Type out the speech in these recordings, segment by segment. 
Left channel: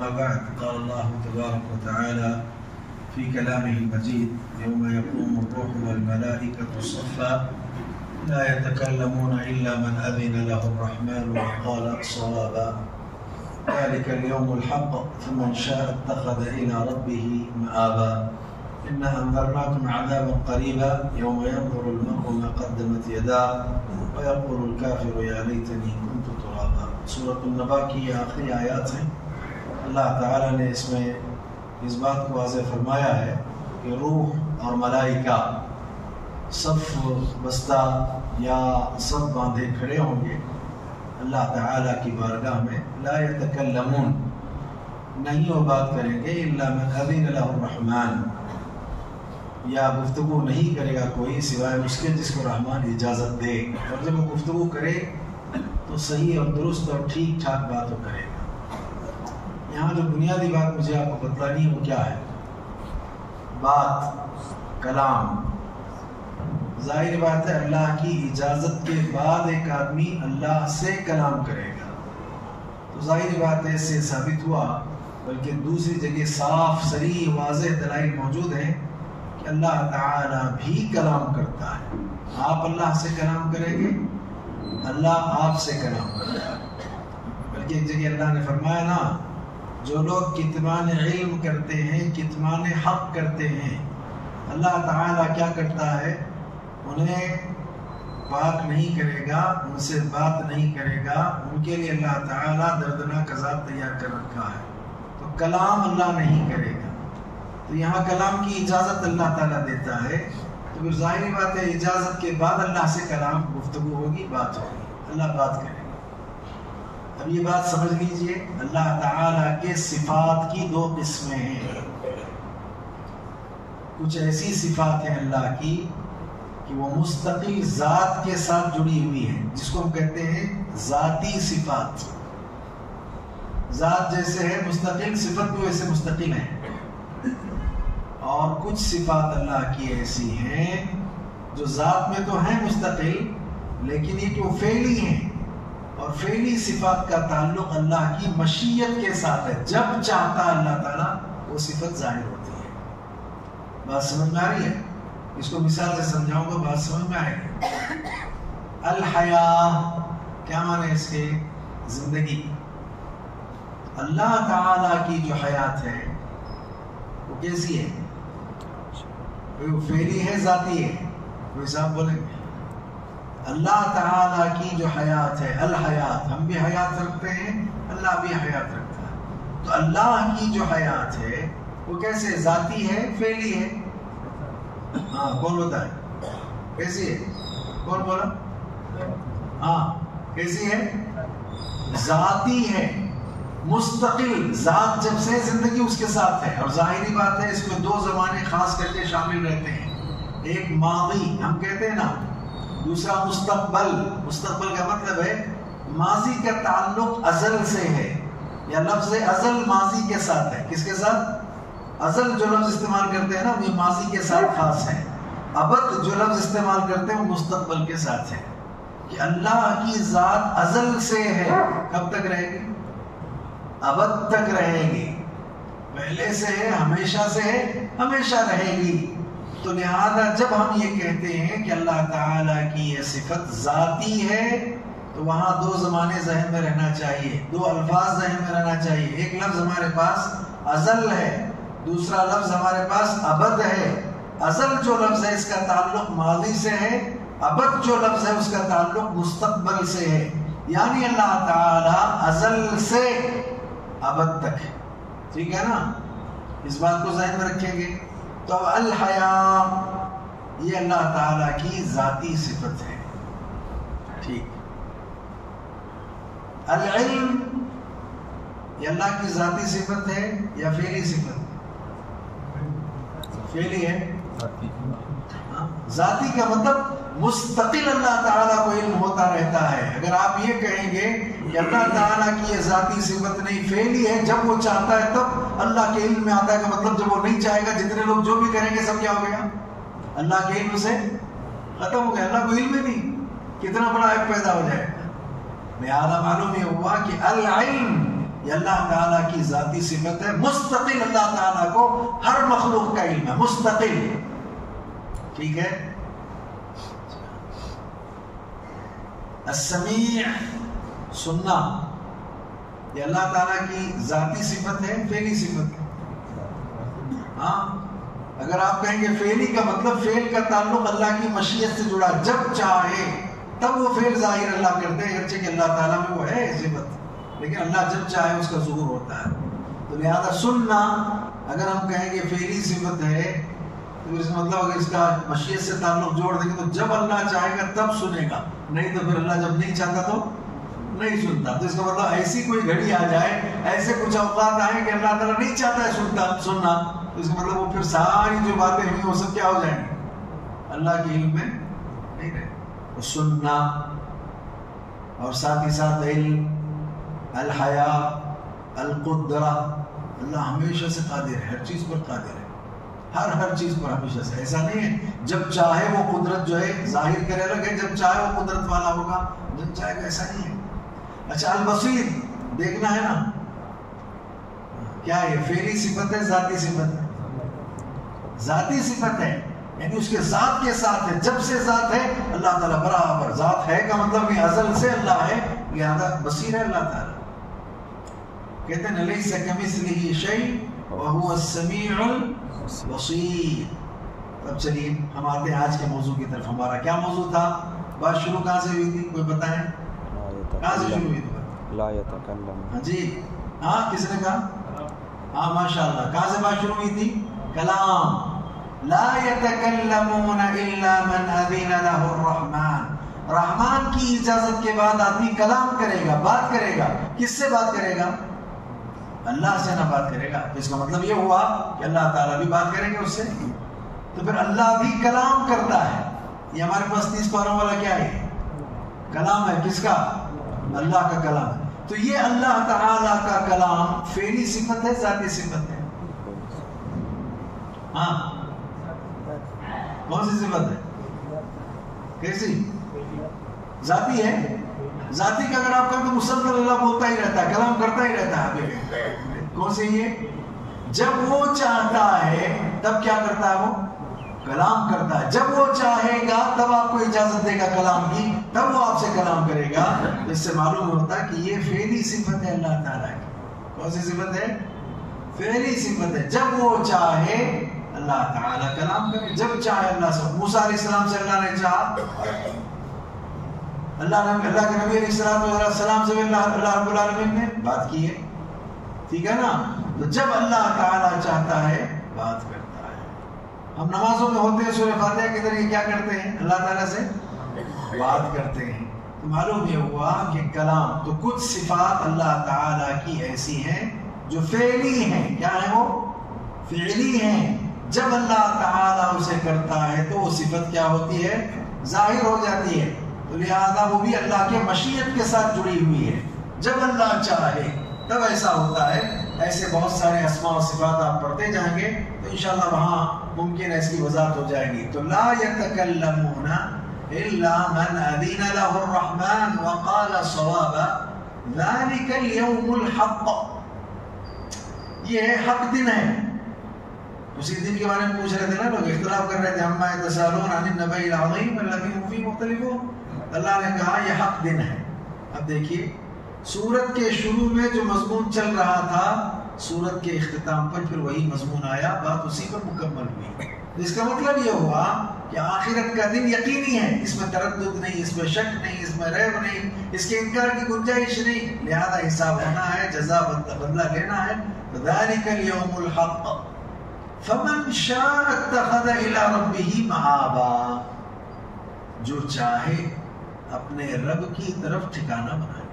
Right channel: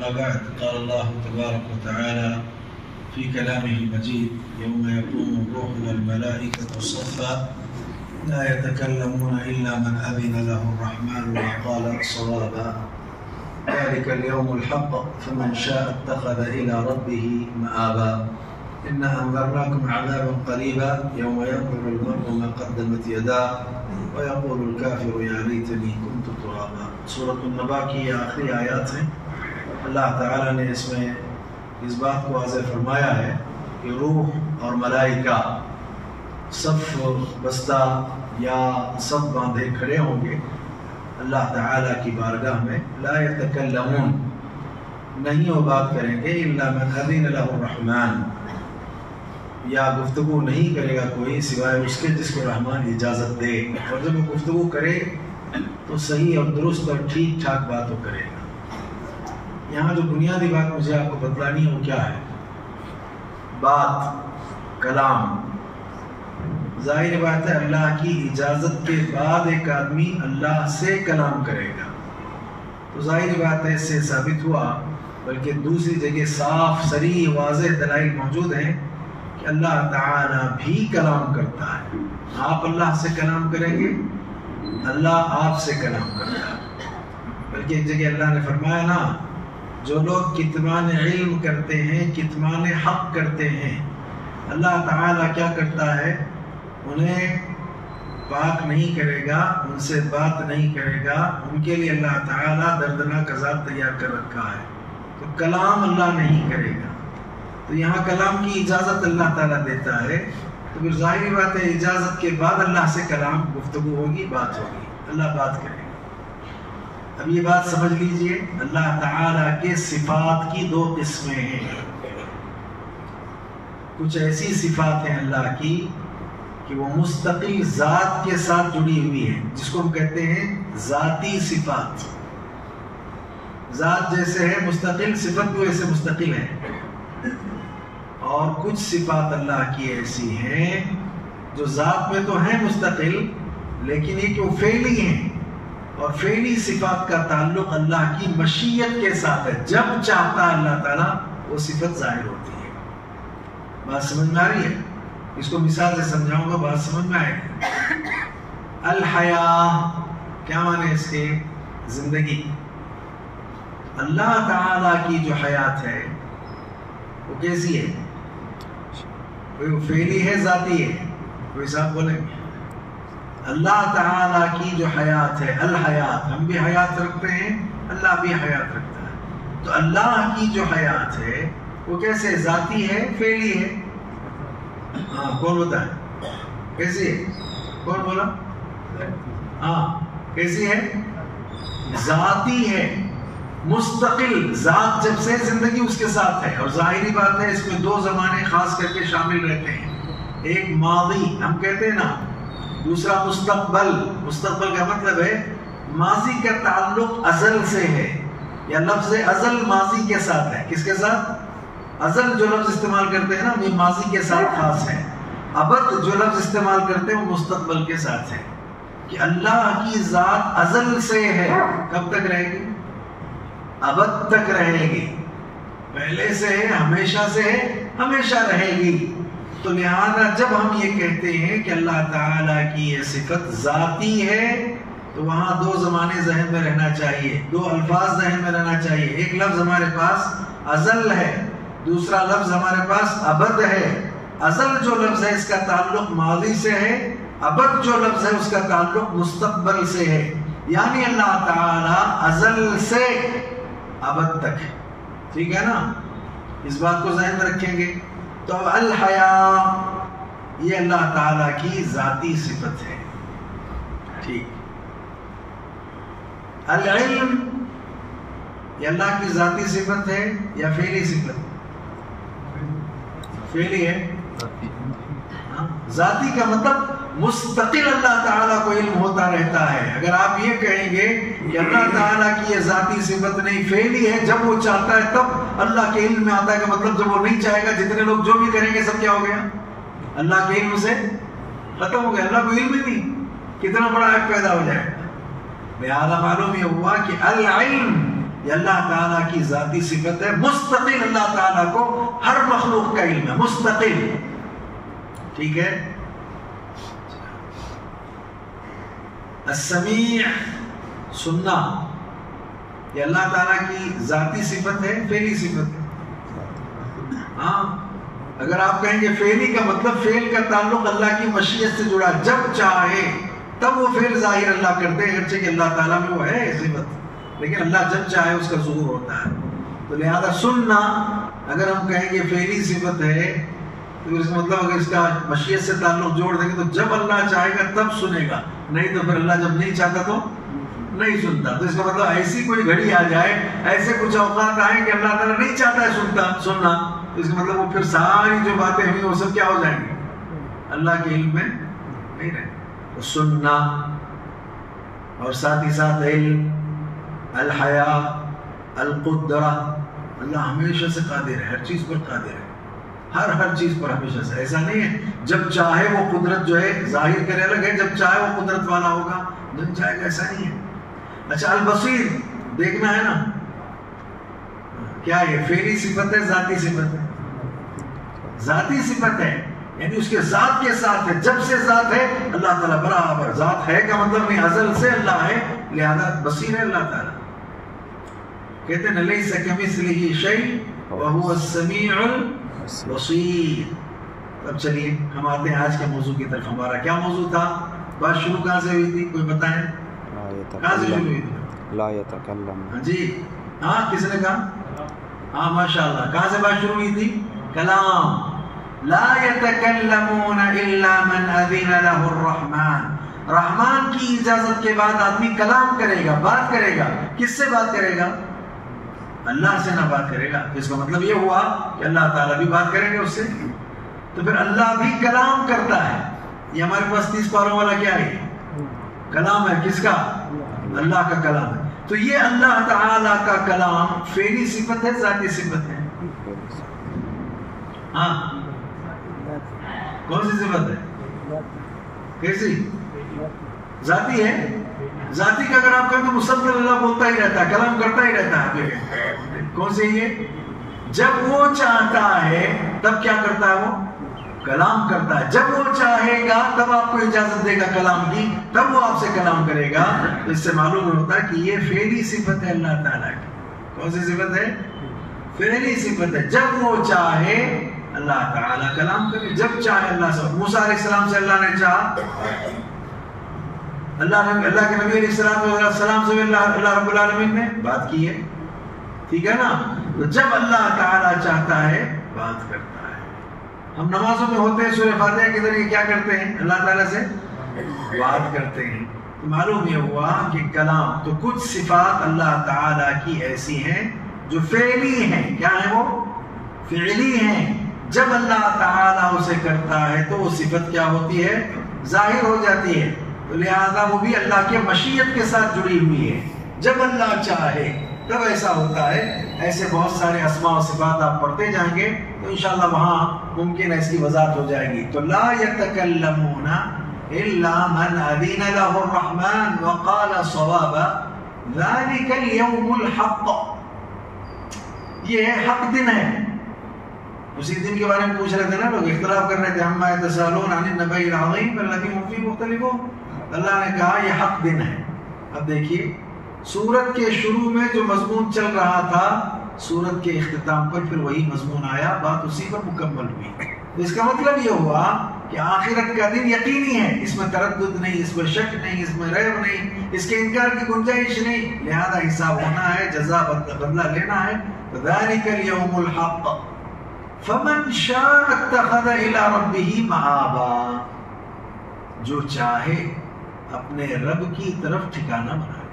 أما بعد قال الله تبارك وتعالى في كلامه المجيد يوم يقوم الروح والملائكة صفا لا يتكلمون إلا من أذن له الرحمن وقال صوابا ذلك اليوم الحق فمن شاء اتخذ إلى ربه مآبا إنا أنذرناكم عذابا قريبا يوم ينظر المرء ما قدمت يداه ويقول الكافر يا ليتني كنت ترابا۔ سورۃ النبأ کی یہ آخری آیات ہیں۔ اللہ تعالیٰ نے اس میں اس بات کو واضح فرمایا ہے کہ روح اور ملائکہ صف بستہ یا صف باندھے کھڑے ہوں گے اللہ تعالیٰ کی بارگاہ میں۔ لا یتکلمون، نہیں وہ بات کریں گے، الا من اذن له الرحمن، یا گفتگو نہیں کرے گا کوئی سوائے اس کے جس کو رحمان اجازت دے، اور جب وہ گفتگو کرے تو صحیح اور درست اور ٹھیک ٹھاک بات وہ کرے گا۔ یہاں جو بنیادی بات مجھے آپ کو بتلانی ہے وہ کیا ہے؟ بات، کلام۔ ظاہر بات ہے اللہ کی اجازت کے بعد ایک آدمی اللہ سے کلام کرے گا، تو ظاہر بات ہے اس سے ثابت ہوا، بلکہ دوسری جگہ صاف صریح واضح دلائل موجود ہیں کہ اللہ تعالیٰ بھی کلام کرتا ہے۔ آپ اللہ سے کلام کریں گے، اللہ آپ سے کلام کرتا ہے۔ بلکہ ایک جگہ اللہ نے فرمایا نا، جو لوگ کتمان علم کرتے ہیں، کتمان حق کرتے ہیں، اللہ تعالیٰ کیا کرتا ہے؟ انہیں پاک نہیں کرے گا، ان سے بات نہیں کرے گا، ان کے لیے اللہ تعالیٰ دردناک عذاب تیار کر رکھا ہے۔ تو کلام اللہ نہیں کرے گا، تو یہاں کلام کی اجازت اللہ تعالیٰ دیتا ہے، تو پھر ظاہری بات ہے اجازت کے بعد اللہ سے کلام گفتگو ہوگی، بات ہوگی، اللہ بات کرے گا۔ اب یہ بات سمجھ لیجئے، اللہ تعالیٰ کے صفات کی دو قسمیں ہیں۔ کچھ ایسی صفات ہیں اللہ کی کہ وہ مستقل ذات کے ساتھ جڑی ہوئی ہیں، جس کو ہم کہتے ہیں ذاتی صفات۔ ذات جیسے ہے مستقل، صفت بھی ویسے مستقل ہے۔ اور کچھ صفات اللہ کی ایسی ہیں جو ذات میں تو ہیں مستقل، لیکن یہ کہ وہ فعلی ہیں، اور فعلی صفات کا تعلق اللہ کی مشیت کے ساتھ ہے۔ جب چاہتا ہے اللہ تعالیٰ وہ صفت ظاہر ہوتی ہے۔ بات سمجھ میں آ رہی ہے؟ اس کو مثال سے سمجھاؤں گا، بات سمجھ میں آئے گی۔ الحیاء کیا معنی ہے اس کے؟ زندگی۔ اللہ تعالیٰ کی جو حیات ہے وہ کیسی ہے؟ کوئی فعلی ہے، ذاتی ہے؟ کوئی صاحب بولیں گے؟ اللہ تعالیٰ کی جو حیات ہے، الحیات، ہم بھی حیات رکھتے ہیں، اللہ بھی حیات رکھتا ہے۔ تو اللہ کی جو حیات ہے وہ کیسے؟ ذاتی ہے، فعلی ہے؟ ہاں کون ہوتا ہے؟ کیسی ہے؟ کون بولا؟ ہاں کیسی ہے؟ ذاتی ہے، مستقل۔ ذات جب سے زندگی اس کے ساتھ ہے، اور ظاہری بات ہے اس میں دو زمانے خاص کر کے شامل رہتے ہیں، ایک ماضی ہم کہتے ہیں نا، دوسرا مستقبل۔ مستقبل کا مطلب ہے ماضی کا تعلق ازل سے ہے، یا لفظ ازل ماضی کے ساتھ ہے۔ کس کے ساتھ؟ ازل جو لفظ استعمال کرتے ہیں نا وہ ماضی کے ساتھ خاص ہے۔ ابد جو لفظ استعمال کرتے ہیں وہ مستقبل کے ساتھ ہے، کہ اللہ کی ذات ازل سے ہے، کب تک رہے گی؟ ابد تک رہے گی، پہلے سے ہے، ہمیشہ سے ہے، ہمیشہ رہے گی۔ تو لہذا جب ہم یہ کہتے ہیں کہ اللہ تعالیٰ کی یہ صفت ذاتی ہے، تو وہاں دو زمانے ذہن میں رہنا چاہیے، دو الفاظ ذہن میں رہنا چاہیے۔ ایک لفظ ہمارے پاس ازل ہے، دوسرا لفظ ہمارے پاس ابد ہے۔ ازل جو لفظ ہے اس کا تعلق ماضی سے ہے، ابد جو لفظ ہے اس کا تعلق مستقبل سے ہے، یعنی اللہ تعالیٰ ازل سے ابد تک ہے۔ ٹھیک ہے نا؟ اس بات کو ذہن میں رکھیں گے۔ تو اب الحیاء یہ اللہ تعالیٰ کی ذاتی صفت ہے، ٹھیک۔ العلم یہ اللہ کی ذاتی صفت ہے یا فعلی صفت؟ فعلی ہے۔ ذاتی کا مطلب مستقل اللہ تعالیٰ کو علم ہوتا رہتا ہے۔ اگر آپ یہ کہیں گے کہ اللہ تعالیٰ کی یہ ذاتی صفت نہیں، فعلی ہے، جب وہ چاہتا ہے تب اللہ کے علم میں آتا ہے، کا مطلب جب وہ نہیں چاہے گا جتنے لوگ جو بھی کریں گے سب کیا ہو گیا؟ اللہ کے علم سے ختم ہو گیا۔ اللہ کو علم نہیں، کتنا بڑا عیب پیدا ہو جائے گا۔ لہذا معلوم یہ ہوا کہ العلم یہ اللہ تعالیٰ کی ذاتی صفت ہے. مستقل اللہ تعالیٰ کو ہر مخلوق کا علم ہے، مستقل. ٹھیک ہے. السمیع، سننا، یہ اللہ تعالیٰ کی ذاتی صفت ہے، فعلی صفت ہے. ہاں، اگر آپ کہیں گے فعلی کا مطلب فعل کا تعلق اللہ کی مشیت سے جڑا، جب چاہے تب وہ فعل ظاہر اللہ کرتے ہیں، اگرچہ کہ اللہ تعالیٰ میں وہ ہے صفت، لیکن اللہ جب چاہے اس کا ظہور ہوتا ہے. تو لہذا سننا اگر ہم کہیں گے فعلی صفت ہے تو اس کا مطلب اگر اس کا مشیت سے تعلق جوڑ دیں گے تو جب اللہ چاہے گا تب سنے گا، نہیں تو پھر اللہ جب نہیں چاہتا تو نہیں سنتا. تو اس کا مطلب ایسی کوئی گھڑی آ جائے، ایسے کچھ اوقات آئیں کہ اللہ تعالیٰ نہیں چاہتا ہے سننا، تو اس کا مطلب وہ پھر ساری جو باتیں ہیں وہ سب کیا ہو جائیں گی؟ اللہ کے علم میں نہیں رہے. تو سننا اور ساتھ ہی ساتھ علم، الحیا، القدرہ، اللہ ہمیشہ سے قادر ہے، ہر چیز پر قادر ہے، ہر چیز پر ہمیشہ سے. ایسا نہیں ہے جب چاہے وہ قدرت جو ہے ظاہر کرے الگ ہے، جب چاہے وہ قدرت والا ہوگا جب چاہے گا، ایسا نہیں ہے. اچھا، البصیر، دیکھنا ہے نا، کیا یہ فعلی صفت ہے ذاتی صفت ہے؟ ذاتی صفت ہے، یعنی اس کے ذات کے ساتھ ہے، جب سے ذات ہے اللہ تعالیٰ برابر. ذات ہے کا مطلب نہیں ازل سے اللہ ہے، لہذا بصیر ہے اللہ تعالیٰ. کہتے ہیں لیس کمثلہ شیء وہو السمیع البصیر. اب چلیے ہم آتے ہیں آج کے موضوع کی طرف. ہمارا کیا موضوع تھا؟ بات شروع کہاں سے ہوئی تھی؟ کوئی بتائیں کہاں سے شروع ہوئی تھی؟ لا یتکلم. ہاں جی، ہاں کس نے کہا؟ ہاں ماشاء اللہ. کہاں سے بات شروع ہوئی تھی؟ کلام. لا یتکلمون الا من اذن له الرحمن. رحمان کی اجازت کے بعد آدمی کلام کرے گا، بات کرے گا. کس سے بات کرے گا؟ اللہ سے نہ بات کرے گا. اس کا مطلب یہ ہوا کہ اللہ تعالیٰ بھی بات کرے گا اس سے. تو پھر اللہ بھی کلام کرتا ہے. یہ ہمارے پاس 30 پاروں والا کیا ہے؟ کلام ہے. کس کا؟ اللہ کا کلام ہے. تو یہ اللہ تعالیٰ کا کلام فعلی صفت ہے ذاتی صفت ہے؟ ہاں، کون سی صفت ہے؟ کیسی؟ ذاتی ہے. ذاتی کا اگر آپ کہیں تو مسلسل اللہ بولتا ہی رہتا ہے، کلام کرتا ہی رہتا ہے. کون سی یہ؟ جب وہ چاہتا ہے تب کیا کرتا ہے؟ وہ کلام کرتا ہے. جب وہ چاہے گا تب آپ کو اجازت دے گا کلام کی، تب وہ آپ سے کلام کرے گا. اس سے معلوم ہوتا ہے کہ یہ فعلی صفت ہے اللہ تعالیٰ کی. کون سی صفت ہے؟ فعلی صفت ہے. جب وہ چاہے اللہ تعالیٰ کلام کرے، جب چاہے اللہ سے. موسیٰ علیہ السلام سے اللہ نے چاہا، اللہ کے نبی علیہ السلام سے اللہ رب العالمین نے بات کی ہے. ٹھیک ہے نا؟ تو جب اللہ تعالیٰ چاہتا ہے بات کرتا ہے. ہم نمازوں میں ہوتے ہیں، سورہ فاتحہ کے ذریعے کیا کرتے ہیں؟ اللہ تعالیٰ سے بات کرتے ہیں. تو معلوم یہ ہوا کہ کلام. تو کچھ صفات اللہ تعالیٰ کی ایسی ہیں جو فعلی ہیں. کیا ہیں وہ؟ فعلی ہیں. جب اللہ تعالیٰ اسے کرتا ہے تو وہ صفت کیا ہوتی ہے؟ ظاہر ہو جاتی ہے. تو لہذا وہ بھی اللہ کے مشیت کے ساتھ جڑی ہوئی ہے. جب اللہ چاہے تب ایسا ہوتا ہے. ایسے بہت سارے اسماء و صفات آپ پڑھتے جائیں گے تو انشاءاللہ وہاں ممکن ہے اس کی وضاحت ہو جائے گی. تو لا یتکلمون الا من اذن له الرحمن وقال صوابا ذلك اليوم الحق. یہ حق دن ہے. اسی دن کے بارے میں پوچھ رہے تھے نا لوگ، اختلاف کر رہے تھے. عما یتساءلون عن النبأ العظیم الذی هم فیہ مختلفون. اللہ نے کہا یہ حق دن ہے. اب دیکھیے سورت کے شروع میں جو مضمون چل رہا تھا، سورت کے اختتام پر پھر وہی مضمون آیا، بات اسی پر مکمل ہوئی. اس کا مطلب یہ ہوا کہ آخرت کا دن یقینی ہے، اس میں تردد نہیں، اس میں شک نہیں، اس میں ریب نہیں، اس کے انکار کی گنجائش نہیں. لہذا حساب ہونا ہے، جزا بدلہ لینا ہے. ذالک الیوم الحق فمن شاء اتخذ الی ربہ مآبا. جو چاہے اپنے رب کی طرف ٹھکانہ بنائے.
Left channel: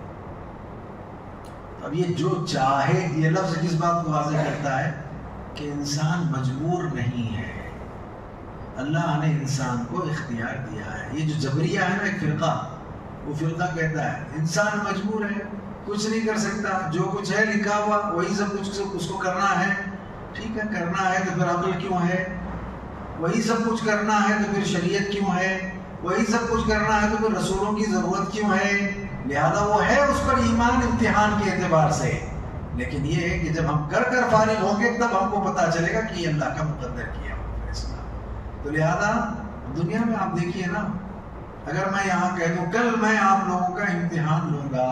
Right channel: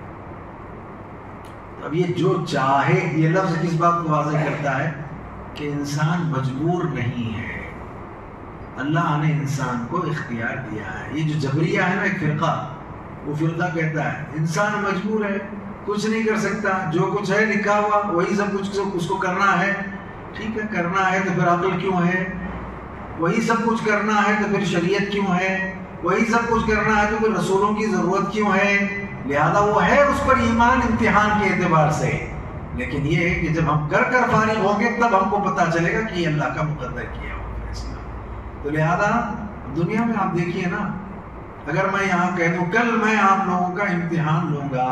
اب یہ جو چاہے، یہ لفظ کس بات کو واضح کرتا ہے؟ کہ انسان مجبور نہیں ہے. اللہ نے انسان کو اختیار دیا ہے. یہ جو جبریہ ہے نا ایک فرقہ، وہ فرقہ کہتا ہے انسان مجبور ہے، کچھ نہیں کر سکتا، جو کچھ ہے لکھا ہوا وہی سب کچھ اس کو کرنا ہے. ٹھیک ہے، کرنا ہے تو پھر عقل کیوں ہے؟ وہی سب کچھ کرنا ہے تو پھر شریعت کیوں ہے؟ وہی سب کچھ کرنا ہے تو پھر رسولوں کی ضرورت کیوں ہے؟ لہذا وہ ہے اس پر ایمان امتحان کے اعتبار سے. لیکن یہ ہے کہ جب ہم کر کر فارغ ہوں گے تب ہم کو پتہ چلے گا کہ یہ اللہ کا مقدر کیا ہوا فیصلہ. تو لہذا دنیا میں آپ دیکھیے نا، اگر میں یہاں کہہ دوں کل میں آپ لوگوں کا امتحان لوں گا،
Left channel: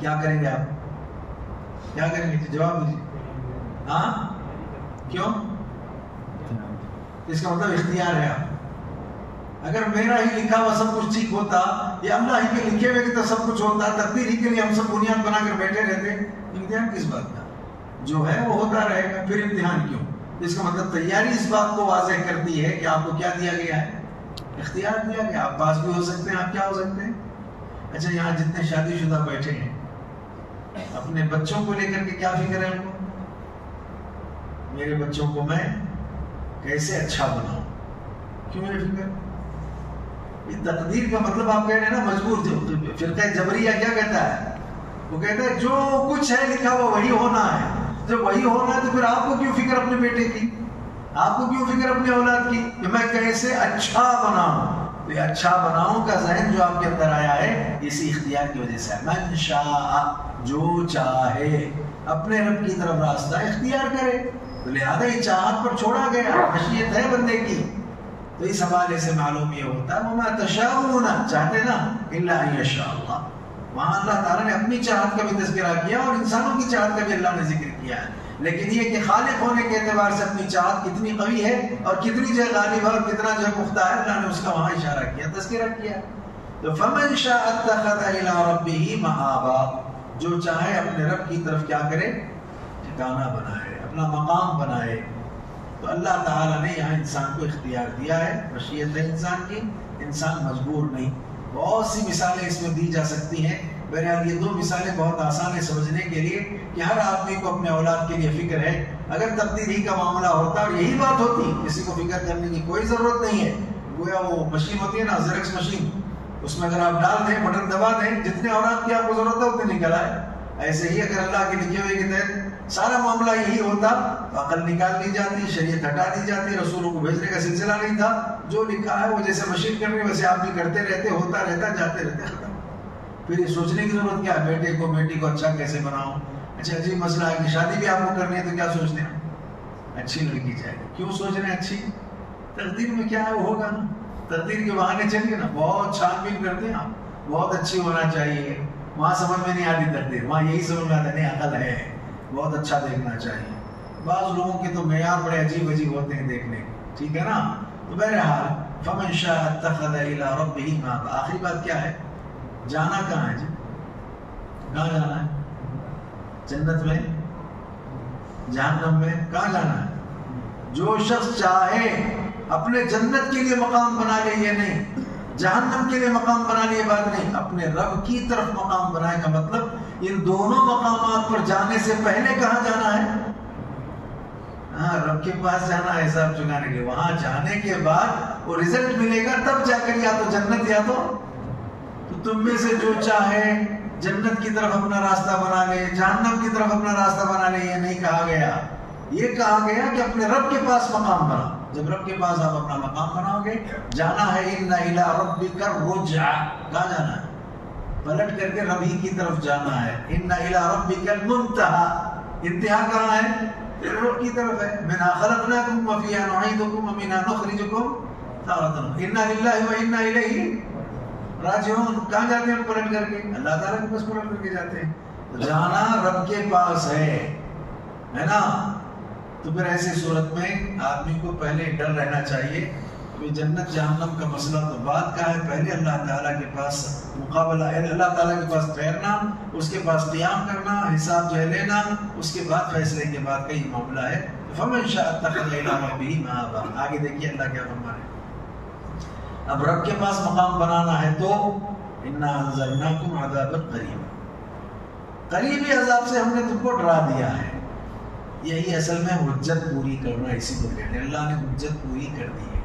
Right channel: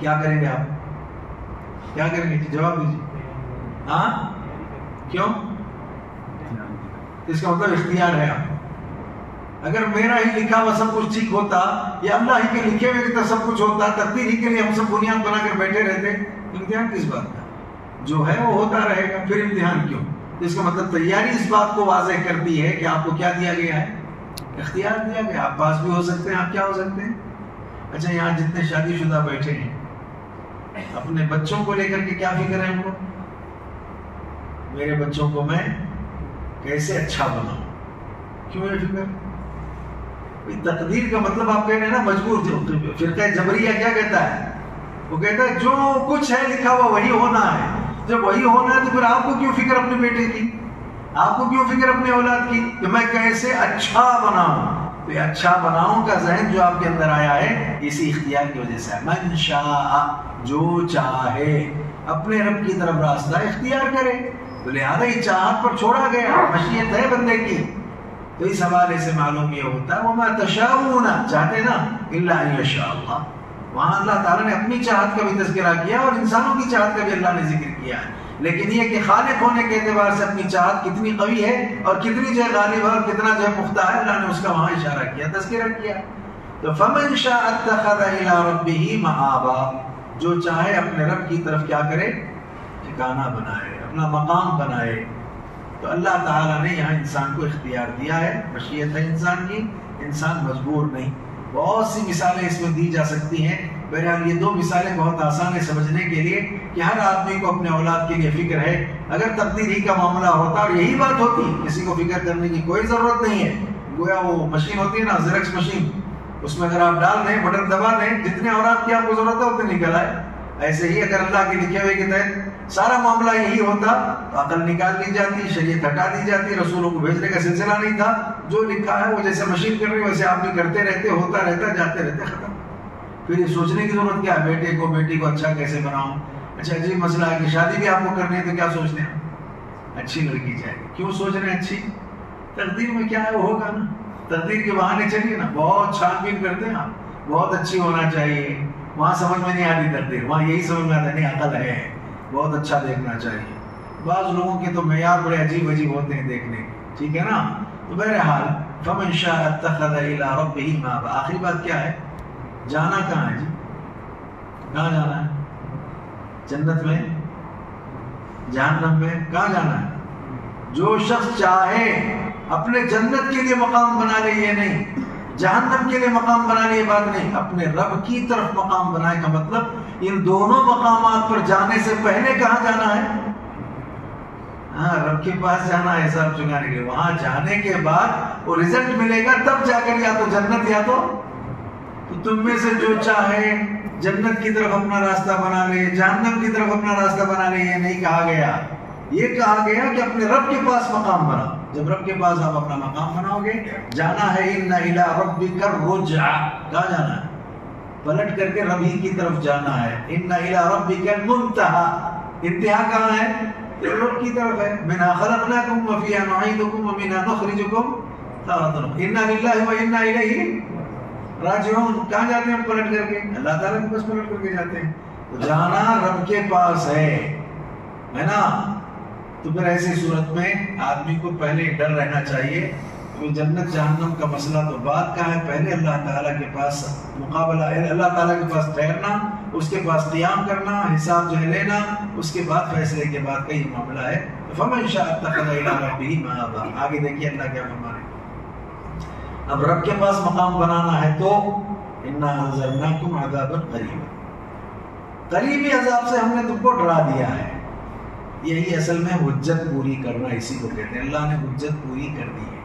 کیا کریں گے آپ؟ کیا کریں گے؟ جواب دیجیے. ہاں کیوں؟ اس کا مطلب اختیار ہے. اگر میرا ہی لکھا ہوا سب کچھ ٹھیک ہوتا یا اللہ ہی کے لکھے ہوئے تو سب کچھ ہوتا، تقدیر ہی کے لیے ہم سب بنیاد بنا کر بیٹھے رہتے، امتحان کس بات کا؟ جو ہے وہ ہوتا رہے گا، پھر امتحان کیوں؟ اس کا مطلب تیاری اس بات کو واضح کرتی ہے کہ آپ کو کیا دیا گیا ہے؟ اختیار دیا گیا. آپ پاس بھی ہو سکتے ہیں، آپ کیا ہو سکتے ہیں. اچھا یہاں جتنے شادی شدہ بیٹھے ہیں، اپنے بچوں کو لے کر کے کیا فکر ہے ان کو؟ میرے بچوں کو میں کیسے اچھا بناؤں. کیوں ہے فکر؟ تقدیر کا مطلب آپ کہہ رہے ہیں نا مجبور. فرقہ جبریہ کیا کہتا ہے؟ وہ کہتا ہے جو کچھ ہے لکھا ہوا وہی ہونا ہے. جب وہی ہونا ہے تو پھر آپ کو کیوں فکر اپنے بیٹے کی، آپ کو کیوں فکر اپنے اولاد کی کہ میں کیسے اچھا بناؤں. تو یہ اچھا بناؤں کا ذہن جو آپ کے اندر آیا ہے اسی اختیار کی وجہ سے ہے. من شاء، جو چاہے اپنے رب کی طرف راستہ اختیار کرے. تو لہذا یہ چاہت پر چھوڑا گیا، مشیت ہے بندے کی. تو اس حوالے سے معلوم یہ ہوتا ہے وَمَا تَشَاءُونَ، چاہتے نا، إِلَّا أَن يَشَاءَ اللَّهُ. وہاں اللہ تعالیٰ نے اپنی چاہت کا بھی تذکرہ کیا اور انسانوں کی چاہت کا بھی اللہ نے ذکر کیا ہے. لیکن یہ کہ خالق ہونے کے اعتبار سے اپنی چاہت کتنی قوی ہے اور کتنی جو ہے غالب ہے اور کتنا جو ہے پختہ ہے، اللہ نے اس کا وہاں اشارہ کیا، تذکرہ کیا. تو فَمَن شَاءَ اتَّخَذَ إِلَىٰ رَبِّهِ مَآبًا، جو چاہے اپنے رب کی طرف کیا کرے؟ ٹھکانہ بنائے، اپنا مقام بنائے. تو اللہ تعالیٰ نے یہاں انسان کو اختیار دیا ہے، مشیت ہے انسان کی، انسان مجبور نہیں. بہت سی مثالیں اس میں دی جا سکتی ہیں. بہرحال یہ دو مثالیں بہت آسان ہے سمجھنے کے لیے کہ ہر آدمی کو اپنے اولاد کے لیے فکر ہے. اگر تقدیر ہی کا معاملہ ہوتا اور یہی بات ہوتی، کسی کو فکر کرنے کی کوئی ضرورت نہیں ہے. گویا وہ مشین ہوتی ہے نا، زیرکس مشین، اس میں اگر آپ ڈال دیں، بٹن دبا دیں، جتنے اولاد کی آپ کو ضرورت ہے اتنے نکل آئے. ایسے ہی اگر اللہ کے لکھے ہوئے کے تحت سارا معاملہ یہی ہوتا تو عقل نکال دی جاتی، شریعت ہٹا دی جاتی، رسولوں کو بھیجنے کا سلسلہ نہیں تھا. جو لکھا ہے وہ جیسے مشین کر رہی ہے ویسے آپ بھی کرتے رہتے، ہوتا رہتا، جاتے رہتے، ختم. پھر یہ سوچنے کی ضرورت کیا ہے بیٹے کو بیٹی کو اچھا کیسے بناؤں. اچھا عجیب مسئلہ ہے کہ شادی بھی آپ کو کرنی ہے تو کیا سوچتے ہیں؟ اچھی لڑکی چاہیے. کیوں سوچ رہے ہیں اچھی؟ تقدیر میں کیا ہے وہ ہوگا نا. تقدیر کے بہانے چلیے نا، بہت چھان بین کرتے ہیں آپ، بہت اچھی ہونا چاہیے. وہاں سمجھ میں نہیں آتی تقدیر، وہاں یہی سمجھ میں آتا ہے نہیں عقل ہے، بہت اچھا دیکھنا چاہیے. بعض لوگوں کے تو معیار بڑے عجیب عجیب ہوتے ہیں دیکھنے کے، ٹھیک ہے نا. تو بہرحال فَمَن شَاءَ اتَّخَذَ إِلَىٰ رَبِّهِ مَآبًا. آخری بات کیا ہے؟ جانا کہاں ہے جی؟ کہاں جانا ہے؟ جنت میں؟ جہنم میں؟ کہاں جانا ہے؟ جو شخص چاہے اپنے جنت کے لیے مقام بنا لے، یہ نہیں جہنم کے لیے مقام بنا لے، یہ بات نہیں. اپنے رب کی طرف مقام بنائے کا مطلب ان دونوں مقامات پر جانے سے پہلے کہاں جانا ہے؟ ہاں، رب کے پاس جانا ہے حساب چکانے کے لیے. وہاں جانے کے بعد وہ رزلٹ ملے گا تب جا کر یا تو جنت یا تو تم میں سے جو چاہے جنت کی طرف اپنا راستہ بنا لے، جہنم کی طرف اپنا راستہ بنا لے. یہ نہیں کہا گیا، یہ کہا گیا کہ اپنے رب کے پاس مقام بنا. جب رب کے پاس آپ اپنا مقام بناؤ گے، جانا ہے اِنَّ إِلَىٰ رَبِّكَ الرُّجْعَىٰ. کہاں جانا ہے؟ پلٹ کر کے رب ہی کی طرف جانا ہے. اِنَّ إِلَىٰ رَبِّكَ الْمُنتَهَىٰ. انتہا کہاں ہے؟ رب کی طرف ہے. مِنْهَا خَلَقْنَاكُمْ وَفِيهَا نُعِيدُكُمْ وَمِنْهَا نُخْرِجُكُمْ تَارَةً أُخْرَىٰ. إِنَّا لِلَّهِ وَإِنَّا إِلَيْهِ راجعون. کہاں جاتے ہیں پلٹ کر کے؟ اللہ تعالیٰ کے پاس پلٹ کر کے جاتے ہیں. تو جانا رب کے پاس ہے نا. تو پھر ایسی صورت میں آدمی کو پہلے ڈر رہنا چاہیے کہ جنت جہنم کا مسئلہ تو بات کا ہے، پہلے اللہ تعالیٰ کے پاس مقابلہ ہے، اللہ تعالیٰ کے پاس ٹھہرنا، اس کے پاس قیام کرنا، حساب جو ہے لینا، اس کے بعد فیصلے کے بعد کا یہ معاملہ ہے. فَمَن شَاءَ اتَّخَذَ إِلَىٰ رَبِّهِ مَآبًا. آگے دیکھیے اللہ کیا فرما رہے ہیں. اب رب کے پاس مقام بنانا ہے تو إِنَّا أَنذَرْنَاكُمْ عَذَابًا قَرِيبًا. قریبی عذاب سے ہم نے تم کو ڈرا دیا ہے. یہی اصل میں حجت پوری کرنا اسی کو کہتے ہیں. اللہ نے حجت پوری کر دی ہے،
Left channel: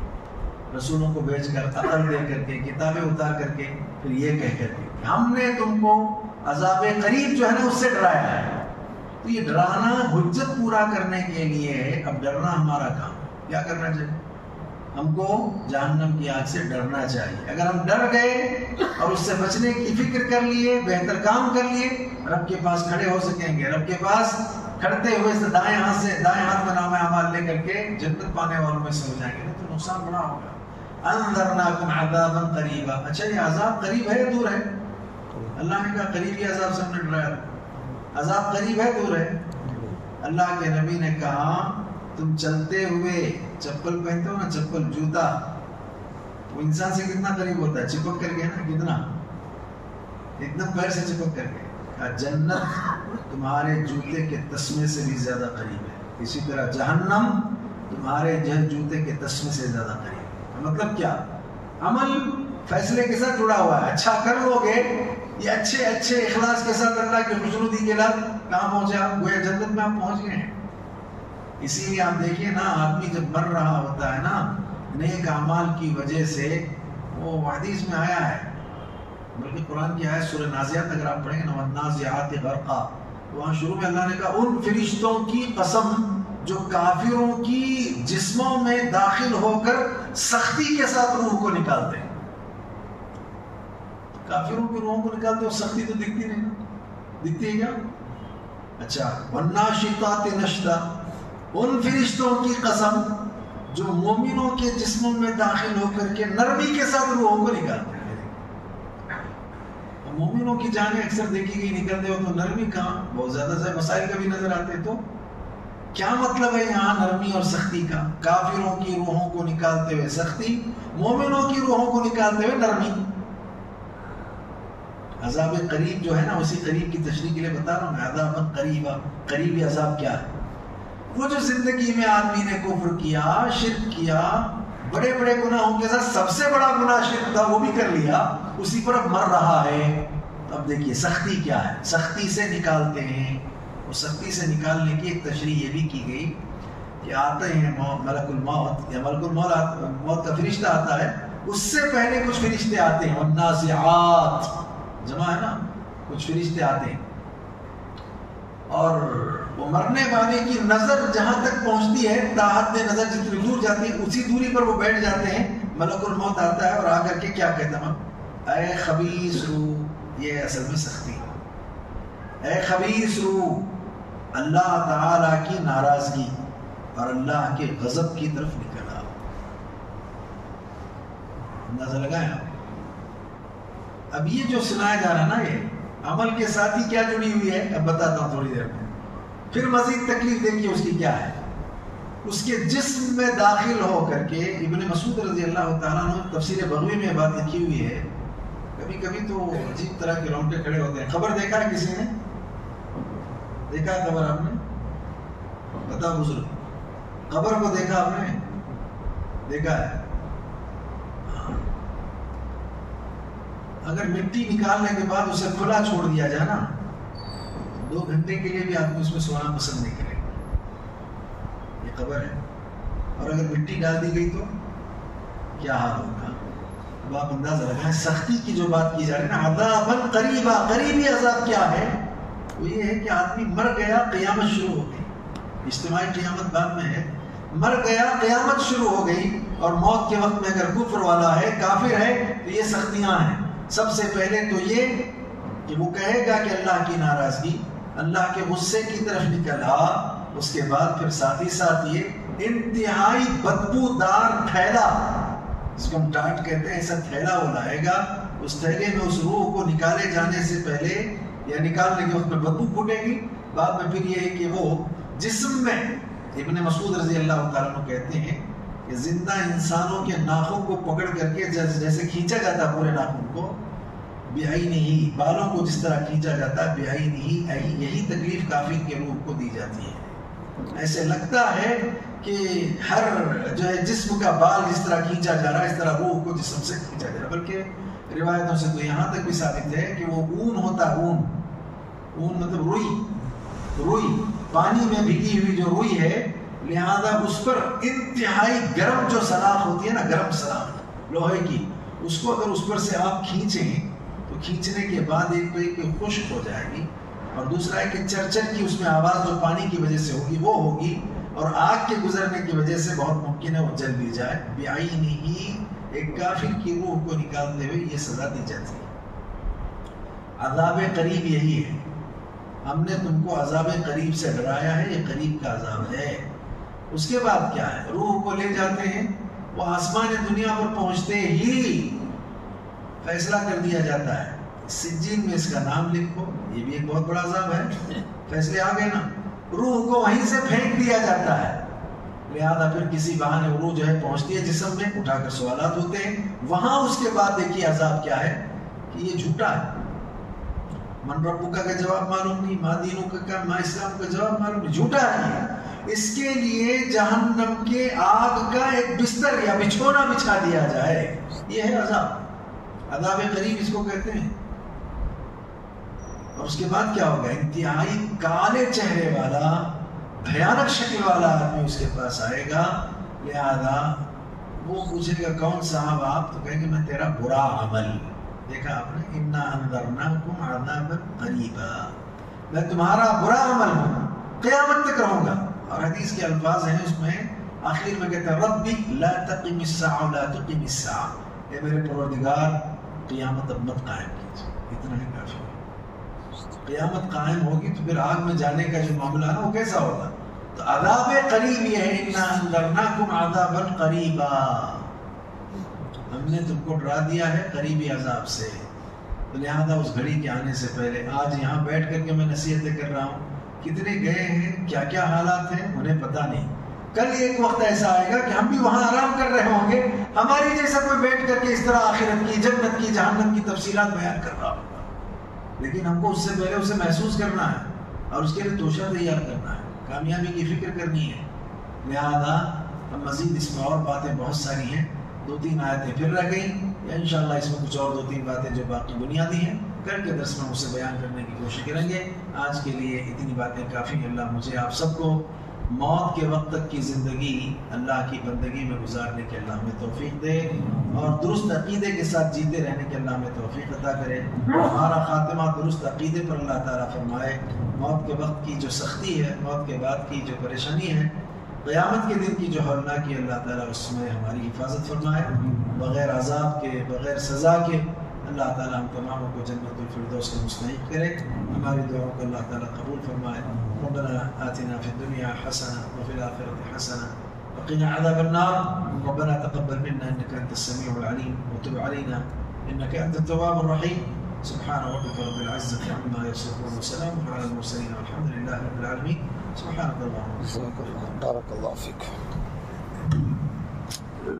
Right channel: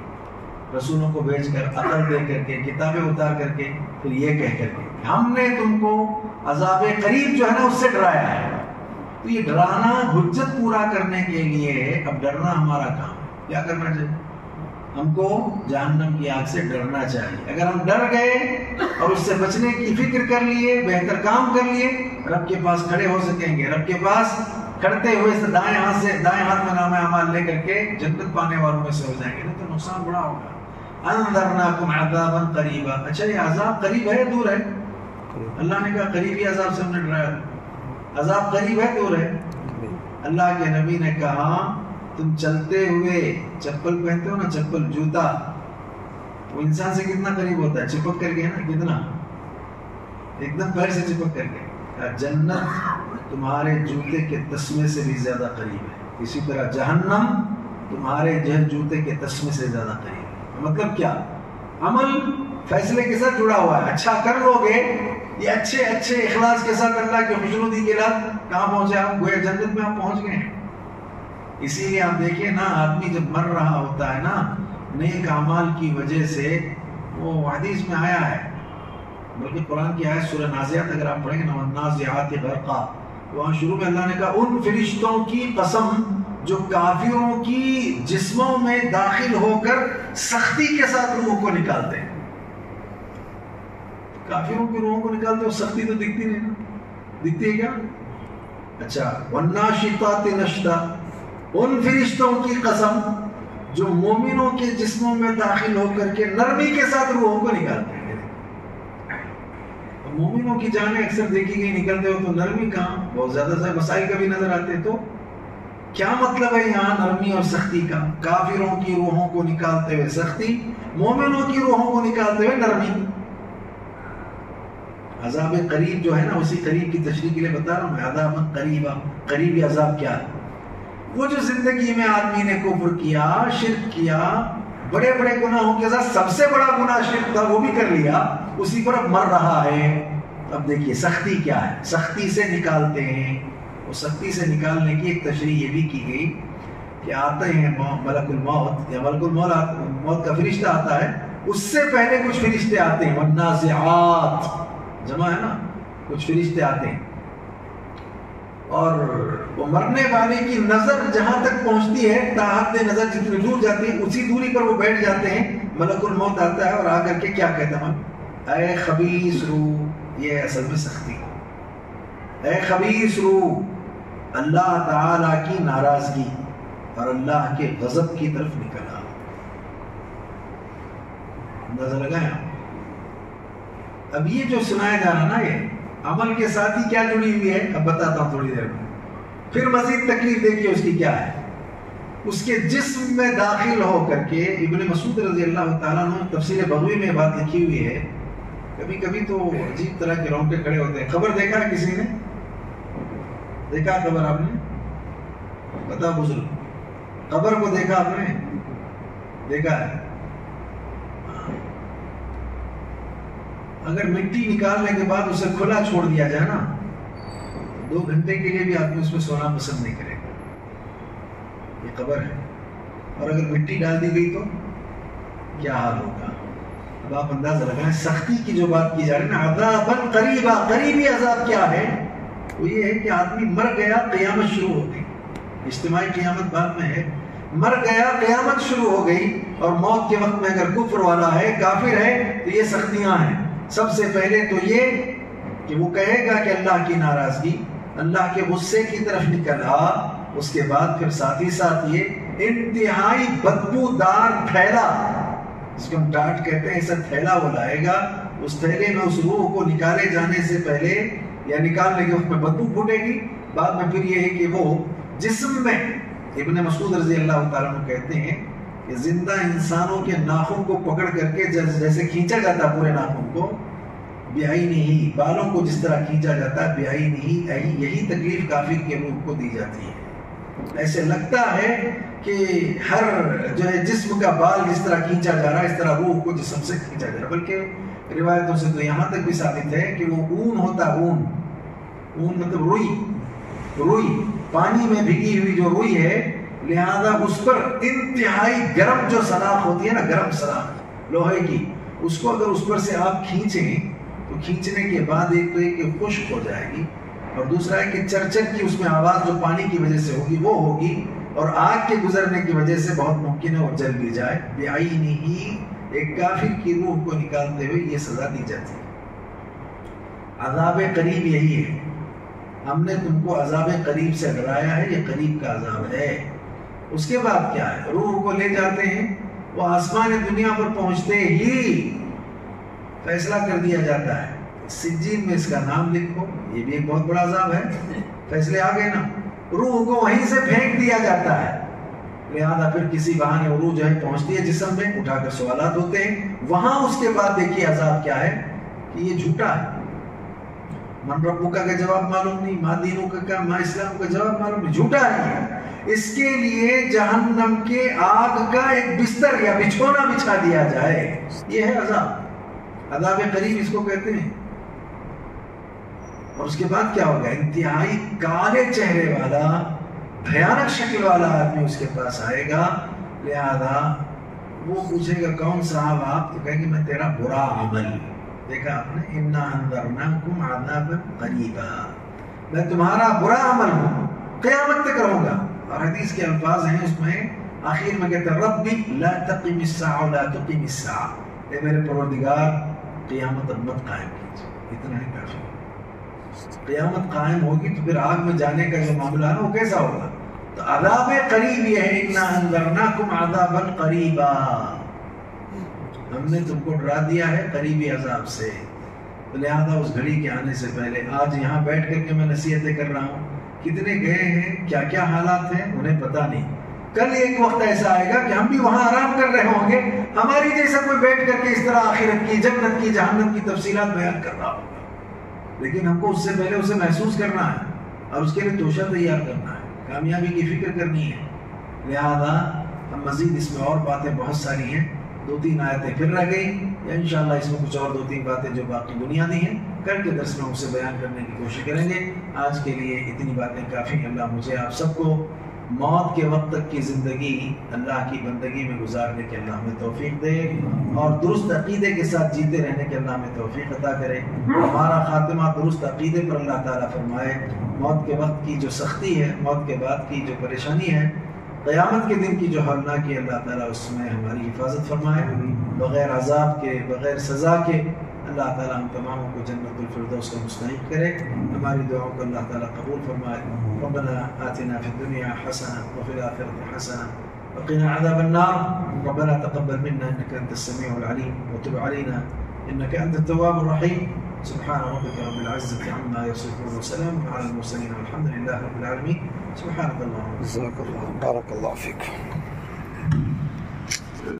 رسولوں کو بھیج کر، عقل دے کر کے، کتابیں اتار کر کے، پھر یہ کہہ کر کے ہم نے تم کو عذاب قریب جو ہے نا اس سے ڈرایا ہے. تو یہ ڈرانا حجت پورا کرنے کے لیے ہے. اب ڈرنا ہمارا کام، کیا کرنا چاہیے؟ ہم کو جہنم کی آگ سے ڈرنا چاہیے. اگر ہم ڈر گئے اور اس سے بچنے کی فکر کر لیے، بہتر کام کر لیے، رب کے پاس کھڑے ہو سکیں گے. رب کے پاس کھڑتے ہوئے دائیں ہاتھ میں نام اعمال لے کر کے جنت پانے والوں میں سے ہو جائیں گے. نہیں تو نقصان بڑا ہوگا. انذرناکم عذابا قریبا. اچھا یہ عذاب قریب ہے دور ہے؟ اللہ نے کہا قریبی عذاب سے ہم نے ڈرایا. عذاب قریب ہے دور ہے؟ اللہ کے نبی نے کہا تم چلتے ہوئے چپل پہنتے ہو نا، چپل جوتا، وہ انسان سے کتنا قریب ہوتا ہے؟ چپک کر کے نا، کتنا ایک دم پیر سے چپک کر کے. جنت تمہارے جوتے کے تسمے سے بھی زیادہ قریب ہے. اسی طرح جہنم تمہارے جوتے کے تسمے سے زیادہ قریب ہے. مطلب کیا؟ عمل فیصلے کے ساتھ جڑا ہوا ہے. اچھا کر لو گے، یہ اچھے اخلاص کے ساتھ اللہ کی خوشنودی کے ساتھ کہاں پہنچے آپ؟ گویا جنت میں آپ پہنچ گئے ہیں. اسی لیے آپ دیکھیے نا، آدمی جب مر رہا ہوتا ہے نا نیک اعمال کی وجہ سے، وہ حدیث میں آیا ہے، بلکہ قرآن کی آیت سورہ نازعات اگر آپ پڑھیں گے نا، والنازعات غرقا، وہاں شروع میں اللہ نے کہا ان فرشتوں کی قسم جو کافروں کی جسموں میں داخل ہو کر سختی کے ساتھ روح کو نکالتے ہیں. کافروں کی روحوں کو نکالتے ہو، سختی تو دکھتی نہیں، دکھتی ہے کیا؟ اچھا، والناشطات نشطا، ان فرشتوں کی قسم جو مومنوں کے جسموں میں داخل ہو کر کے نرمی کے ساتھ روحوں کو نکالتے ہیں. مومنوں کی جانیں اکثر دیکھی گئی نکلتے ہو تو نرمی کہاں؟ بہت زیادہ سے مسائل کبھی نظر آتے. تو کیا مطلب ہے یہاں نرمی اور سختی کا؟ کافروں کی روحوں کو نکالتے ہوئے سختی، مومنوں کی روحوں کو نکالتے ہوئے نرمی. عذاب قریب جو ہے نا، اسی قریب کی تشریح کے لیے بتا رہا ہوں میں. عذاب قریبا، قریبی عذاب کیا ہے؟ وہ جو زندگی میں آدمی نے کفر کیا، شرک کیا، بڑے بڑے گناہوں کے ساتھ سب سے بڑا گناہ شرک تھا، وہ بھی کر لیا، اسی پر اب مر رہا ہے. اب دیکھیے سختی کیا ہے، سختی سے نکالتے ہیں. وہ سختی سے نکالنے کی ایک تشریح یہ بھی کی گئی کہ آتے ہیں ملک الموت، یا ملک الموت کا فرشتہ آتا ہے، اس سے پہلے کچھ فرشتے آتے ہیں. والنازعات جمع ہے نا، کچھ فرشتے آتے ہیں، اور وہ مرنے والے کی نظر جہاں تک پہنچتی ہے، تاحد نظر جتنی دور جاتی ہے اسی دوری پر وہ بیٹھ جاتے ہیں. ملک الموت آتا ہے اور آ کر کے کیا کہتا ہے؟ اے خبیث روح. یہ اصل میں سختی ہے. اے خبیث روح، اللہ تعالی کی ناراضگی اور اللہ کے غضب کی طرف نکل آؤ. اندازہ لگائیں آپ. اب یہ جو سنایا جا رہا نا، یہ عمل کے ساتھ ہی کیا جڑی ہوئی ہے، اب بتاتا ہوں تھوڑی دیر میں. پھر مزید تکلیف دیکھیے اس کی کیا ہے. اس کے جسم میں داخل ہو کر کے، ابن مسعود رضی اللہ تعالیٰ عنہ تفسیر بغوی میں بات لکھی ہوئی ہے، کبھی کبھی تو عجیب طرح کے رونگٹے کھڑے ہوتے ہیں. خبر دیکھا ہے کسی نے؟ دیکھا خبر آپ نے؟ بتا بزرگ، خبر کو دیکھا آپ نے؟ دیکھا ہے؟ اگر مٹی نکالنے کے بعد اسے کھلا چھوڑ دیا جائے نا، 2 گھنٹے کے لیے بھی آدمی اس میں سونا پسند نہیں کرے گا. یہ قبر ہے. اور اگر مٹی ڈال دی گئی تو کیا حال ہوگا؟ اب آپ اندازہ لگائیں. سختی کی جو بات کی جا رہی ہے نا، عذاباً قریبا، قریبی عذاب کیا ہے؟ وہ یہ ہے کہ آدمی مر گیا، قیامت شروع ہو گئی. اجتماعی قیامت بعد میں ہے. مر گیا، قیامت شروع ہو گئی، اور موت کے وقت میں اگر کفر والا ہے، کافر ہے، تو یہ سختیاں ہیں. سب سے پہلے تو یہ کہ وہ کہے گا کہ اللہ کی ناراضگی، اللہ کے غصے کی طرف نکل آ. اس کے بعد پھر ساتھ ہی ساتھ یہ انتہائی بدبودار تھیلا، جس کو ہم ڈانٹ کہتے ہیں، ایسا تھیلا وہ لائے گا. اس تھیلے میں اس روح کو نکالے جانے سے پہلے یا نکالنے کے وقت میں بدبو پھوٹے گی. بعد میں پھر یہ ہے کہ وہ جسم میں، ابن مسعود رضی اللہ تعالیٰ عنہ کہتے ہیں کہ زندہ انسانوں کے ناخن کو پکڑ کر کے جیسے کھینچا جاتا پورے ناخن کو، بیائی نہیں، بالوں کو جس طرح کھینچا جاتا ہے، بیائی نہیں، یہی تکلیف کافر کے روح کو دی جاتی ہے. ایسے لگتا ہے کہ ہر جو ہے جسم کا بال جس طرح کھینچا جا رہا ہے، اس طرح روح کو جسم سے کھینچا جا رہا ہے. بلکہ روایتوں سے تو یہاں تک بھی ثابت ہے کہ وہ اون ہوتا ہے. اون مطلب روئی، پانی میں بھیگی ہوئی جو روئی ہے، لہذا اس پر انتہائی گرم جو سلاخ ہوتی ہے نا، گرم سلاخ لوہے کی، اس کو اگر اس پر سے آپ کھینچیں تو کھینچنے کے بعد ایک خشک ہو جائے گی، اور دوسرا ہے کہ چرچر کی اس میں آواز جو پانی کی وجہ سے ہوگی وہ ہوگی، اور آگ کے گزرنے کی وجہ سے بہت ممکن ہے وہ جل بھی جائے۔ بعینہ، ایک کافر کی روح کو نکالتے ہوئے یہ سزا دی جاتی ہے۔ عذاب قریب یہی ہے، ہم نے تم کو عذاب قریب سے ڈرایا ہے، یہ قریب کا عذاب ہے۔ اس کے بعد کیا ہے؟ روح کو لے جاتے ہیں، وہ آسمان دنیا پر پہنچتے ہی فیصلہ کر دیا جاتا ہے، سجین میں اس کا نام لکھو، یہ بھی ایک بہت بڑا عذاب ہے، فیصلے آ گئے نا۔ روح کو وہیں سے پھینک دیا جاتا ہے، لہذا پھر کسی بہانے روح جو ہے پہنچتی ہے جسم میں، اٹھا کر سوالات ہوتے ہیں وہاں۔ اس کے بعد دیکھیے عذاب کیا ہے کہ یہ جھوٹا ہے، من ربک کا جواب معلوم نہیں، ما دینک کا، ما اسلام کا جواب معلوم نہیں، جھوٹا ہے یہ۔ اس کے لیے جہنم کے آگ کا ایک بستر یا بچھونا بچھا دیا جائے، یہ ہے عذاب، عذاب قریب اس کو کہتے ہیں۔ اور اس کے بعد کیا ہوگا؟ انتہائی کالے چہرے والا، بھیانک شکل والا آدمی اس کے پاس آئے گا، لہذا وہ پوچھے گا کون صاحب آپ؟ تو کہیں گے میں تیرا برا عمل، دیکھا آپ نے، انا انذرناکم عذابا قریبا، میں تمہارا برا عمل ہوں، قیامت تک رہوں گا۔ اور حدیث کے الفاظ ہیں اس میں آخر میں کہتے ہیں ربی لا تقم الساعة لا تقم الساعة، اے میرے پروردگار قیامت اب مت قائم کیجیے، اتنا ہی کافی ہے۔ قیامت قائم ہوگی تو پھر آگ میں جانے کا جو معاملہ ہے وہ کیسا ہوگا؟ تو عذاب قریب یہ ہے، انا انذرناکم عذابا قریبا، ہم نے تم کو ڈرا دیا ہے قریبی عذاب سے۔ تو لہذا اس گھڑی کے آنے سے پہلے آج یہاں بیٹھ کر کے میں نصیحتیں کر رہا ہوں، کتنے گئے ہیں، کیا کیا حالات ہیں انہیں پتہ نہیں، کل ایک وقت ایسا آئے گا کہ ہم بھی وہاں آرام کر رہے ہوں گے، ہماری جیسا کوئی بیٹھ کر کے اس طرح آخرت کی، جنت کی، جہنم کی تفصیلات بیان کر رہا ہوگا، لیکن ہم کو اس سے پہلے اسے محسوس کرنا ہے اور اس کے لیے توشہ تیار کرنا ہے، کامیابی کی فکر کرنی ہے۔ لہذا ہم مزید اس میں اور باتیں بہت ساری ہیں، 2-3 آیتیں پھر رہ گئیں، یا انشاءاللہ اس میں کچھ اور 2-3 باتیں جو باقی بنیادی ہیں کر کے درس میں اسے بیان کرنے کی کوشش کریں گے۔ آج کے لیے اتنی باتیں کافی ہیں۔ اللہ مجھے آپ سب کو موت کے وقت تک کی زندگی اللہ کی بندگی میں گزارنے کے اللہ ہمیں توفیق دے، اور درست عقیدے کے ساتھ جیتے رہنے کے اللہ ہمیں توفیق عطا کرے، ہمارا خاتمہ درست عقیدے پر اللہ تعالیٰ فرمائے۔ موت کے وقت کی جو سختی ہے، موت کے بعد کی جو پریشانی ہے، قیامت کے دن کی جو ہولناکی، اللہ تعالیٰ اس میں ہماری حفاظت فرمائے، بغیر عذاب کے، بغیر سزا کے۔ اللہ تعالیٰ ہم تماموں کو جنت الفردوس کا مستحق کرے، ہماری دعاؤں کو اللہ تعالیٰ قبول فرمائے۔ ربنا آتنا فی الدنیا حسنہ وفی الآخرۃ حسنہ وقنا عذاب النار، ربنا تقبل منا انك انت السميع العليم وتب علينا انك انت التواب الرحيم۔ سبحان ربك رب العزة عما يصفون وسلام على المرسلين والحمد لله رب العالمين۔ سبحانك اللهم وبحمدك، بارك الله فيك۔